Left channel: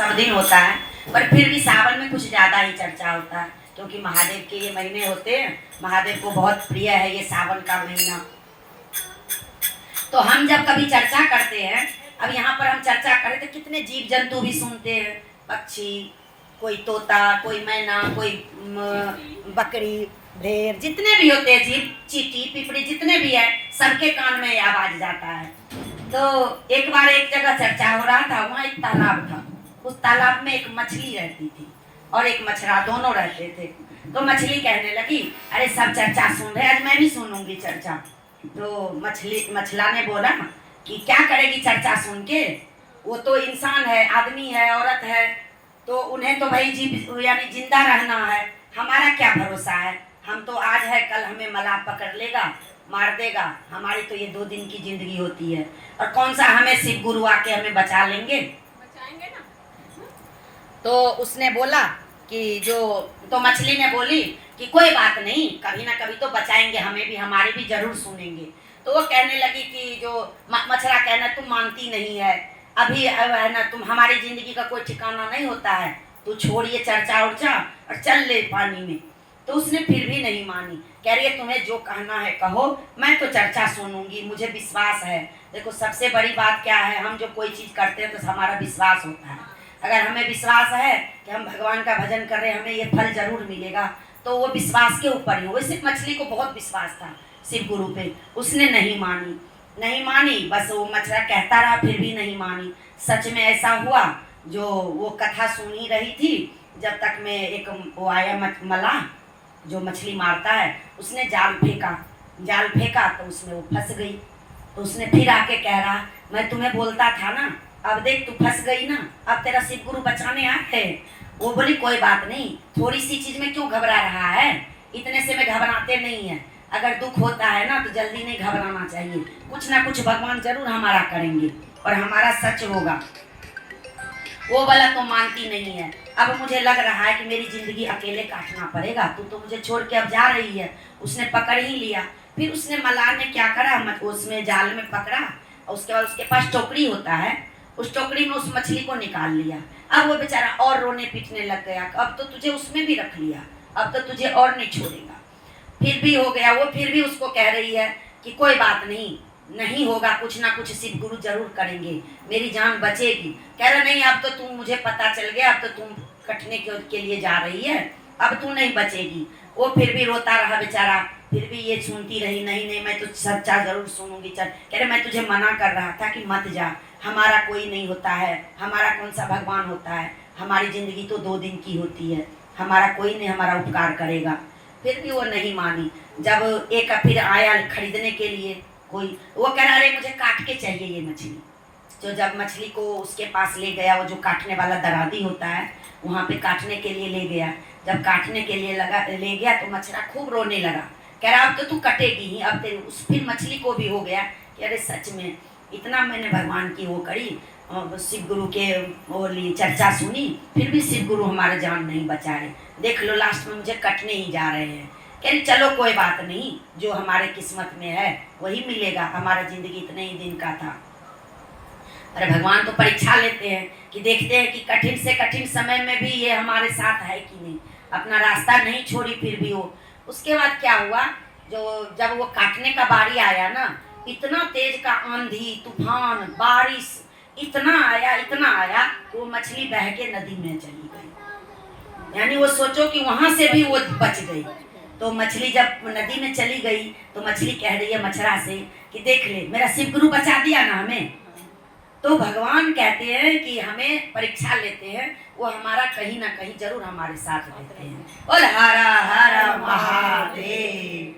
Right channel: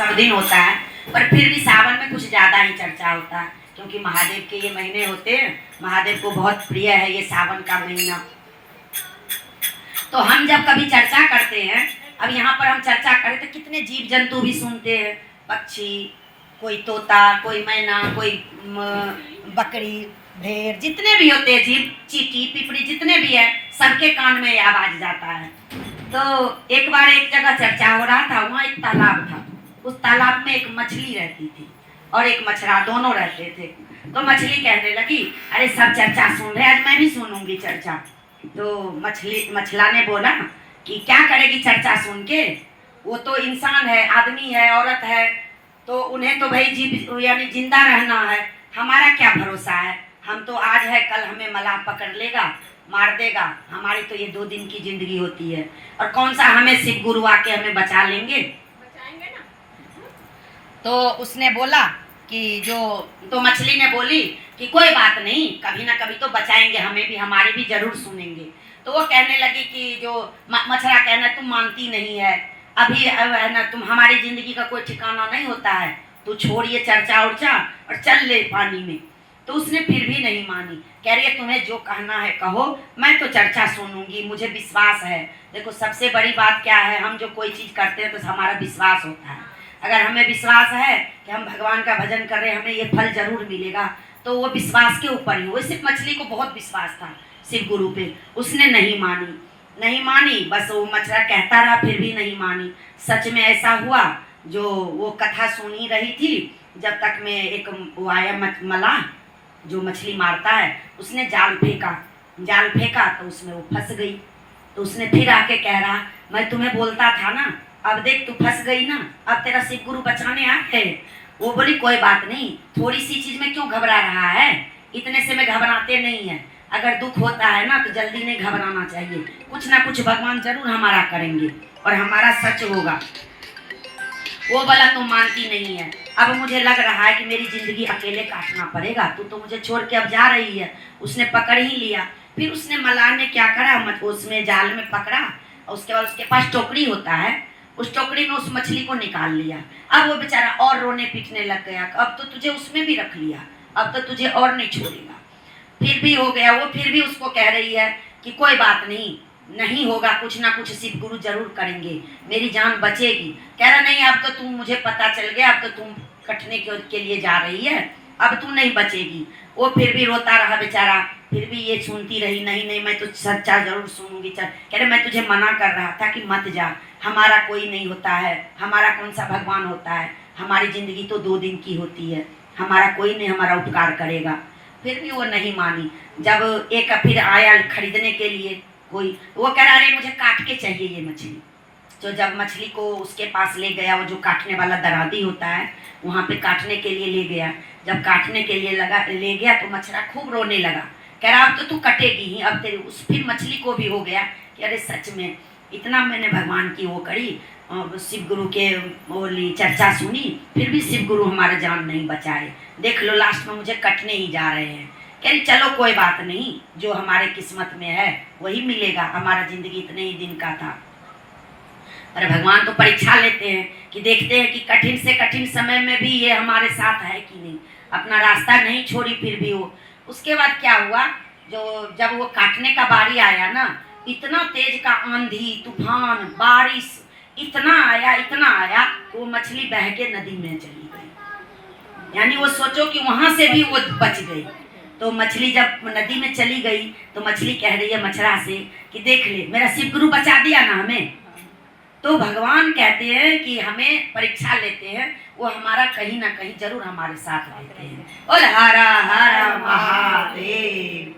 सब दिन होता है, पर फिर भी सावन में कुछ ज़्यादा ही चर्चा होता है, क्योंकि महादेव के ये महीने होते हैं। महादेव को बहुत प्रिय है ये सावन का महीना। तो हम जब कभी चर्चा करते हैं, अब यहाँ पर हम चर्चा करें तो कितने जीव जंतु भी सुनते हैं, पक्षी, कोई तोता, कोई मैना, कोई बकरी, भेड़, जितने भी होते हैं जीव, चींटी, पिपड़ी, जितने भी है, सबके कान में आवाज जाता है। तो एक बार एक जगह चर्चा हो रहा था, वहाँ एक तालाब था। उस तालाब में एक मछली रहती थी और एक मछरा, दोनों रहते थे। तो मछली कहने लगी, अरे सब चर्चा सुन रहे, आज मैं भी सुनूंगी चर्चा। तो मछला ने बोला कि क्या करेगी चर्चा सुन के, वो तो इंसान है, आदमी है, औरत है, तो उन्हें तो भाई जीव यानी जिंदा रहना है, हमारा क्या भरोसा है। हम तो आज है, कल हमें मलाह पकड़ लेगा, मार देगा। हमारी तो ये 2 दिन की जिंदगी होती है, और कौन सा हमें शिव गुरु आके हमें बचा लेंगे, बचाएंगे ना। तो उसने बोला कि तो मछली ने बोली कि कोई बात नहीं, कभी ना कभी तो बचाएंगे, हमें भी, हमारे भी जरूर सुनेंगे। तो वो कहने लगी कि जो मछरा कहना, तुम मानती नहीं है, अभी है ना, तुम, हमारी जिंदगी का कोई ठिकाना नहीं होता है, तू छोड़िए चर्चा उर्चा और चल ले पानी में। तो उसने फिर भी नहीं मानी, कह रही है तुम्हें जो कहना है कहो, मैं तो चर्चा सुनूंगी, मुझे विश्वास है। देखो सबसे बड़ी बात क्या है, हम जो कोई चीज़ करते हैं तो हमारा विश्वास होता है। अगर हमें विश्वास है कि हम भगवान का भजन कर रहे हैं, हमें ये फल जरूर मिलेगा, तो वो विश्वास के ऊपर ही। वो सिर्फ मछली को बहुत विश्वास था शिव गुरु पे, उसने नहीं मानी, बस वो मछला कहता रहा, फिर भी नहीं मानी। सच में ऐसा हुआ, जो वो कथा सुन ही रही थी, जब तक में एक वो आया मलाह, जो मछली मारता है, उसने जाल फेंका तो उसमें वो फंस गई। तो उसने फिर आके कह रहा, मैं तुम्हें बोलता था ना, अब देख तू फंस गई ना, अब तेरा शिव गुरु बचाने आए। वो बोली कोई बात नहीं, थोड़ी सी चीज में क्यों घबरा रहा है, इतने से में घबराते नहीं है। अगर दुख होता है ना तो जल्दी नहीं घबराना चाहिए, कुछ ना कुछ भगवान जरूर हमारा करेंगे और हमारा सच होगा। वो बोला तुम मानती नहीं है, अब मुझे लग रहा है कि मेरी जिंदगी अकेले काटना पड़ेगा, तू तो मुझे छोड़ के अब जा रही है। उसने पकड़ ही लिया। फिर उसने मलाह ने क्या करा, उसमें जाल में पकड़ा, और उसके बाद उसके पास टोकरी होता है, उस टोकरी में उस मछली को निकाल लिया। अब वो बेचारा और रोने पीटने लग गया, अब तो तुझे उसमें भी रख लिया, अब तो तुझे और नहीं छोड़ेगा। फिर भी हो गया, वो फिर भी उसको कह रही है कि कोई बात नहीं होगा, कुछ ना कुछ शिव गुरु जरूर करेंगे, मेरी जान बचेगी। कह रहा नहीं, अब तो तुम, मुझे पता चल गया, अब तो तुम कटने के लिए जा रही है, अब तू नहीं बचेगी। वो फिर भी रोता रहा बेचारा, फिर भी ये सुनती रही, नहीं मैं तो सच्चा जरूर सुनूंगी। चल, कह रहे मैं तुझे मना कर रहा था कि मत जा, हमारा कोई नहीं होता है, हमारा कौन सा भगवान होता है, हमारी जिंदगी तो 2 दिन की होती है, हमारा कोई नहीं हमारा उपकार करेगा। फिर भी वो नहीं मानी। जब एक फिर आया खरीदने के लिए कोई, वो कह रहा अरे मुझे काट के चाहिए ये मछली। तो जब मछली को उसके पास ले गया, वो जो काटने वाला दरादी होता है, वहाँ पे काटने के लिए ले गया। जब काटने के लिए ले गया तो मछला खूब रोने लगा, कह रहा अब तो तू कटेगी ही, अब तेरे उस फिर मछली को भी हो गया कि अरे सच में इतना मैंने भगवान की वो करी, शिव गुरु के बोली चर्चा सुनी, फिर भी शिव गुरु हमारे जान नहीं बचाए, देख लो लास्ट में मुझे कटने ही जा रहे हैं। कह रही चलो कोई बात नहीं, जो हमारे किस्मत में है वही मिलेगा, हमारा जिंदगी इतने ही दिन का था। अरे भगवान तो परीक्षा लेते हैं कि देखते हैं कि कठिन से कठिन समय में भी ये हमारे साथ है कि नहीं, अपना रास्ता नहीं छोड़ी फिर भी वो। उसके बाद क्या हुआ, जब वो काटने का बारी आया ना, इतना तेज का आंधी तूफान बारिश इतना आया कि वो मछली बह के नदी में चली गई। यानी वो सोचो कि वहां से भी वो बच गई। तो मछली जब नदी में चली गई तो मछली कह रही है मछरा से कि देख ले, मेरा शिव गुरु बचा दिया ना हमें। तो भगवान कहते हैं कि हमें परीक्षा लेते हैं, वो हमारा कहीं ना कहीं जरूर हमारे साथ रहते हैं। बोल हर हर महादेव।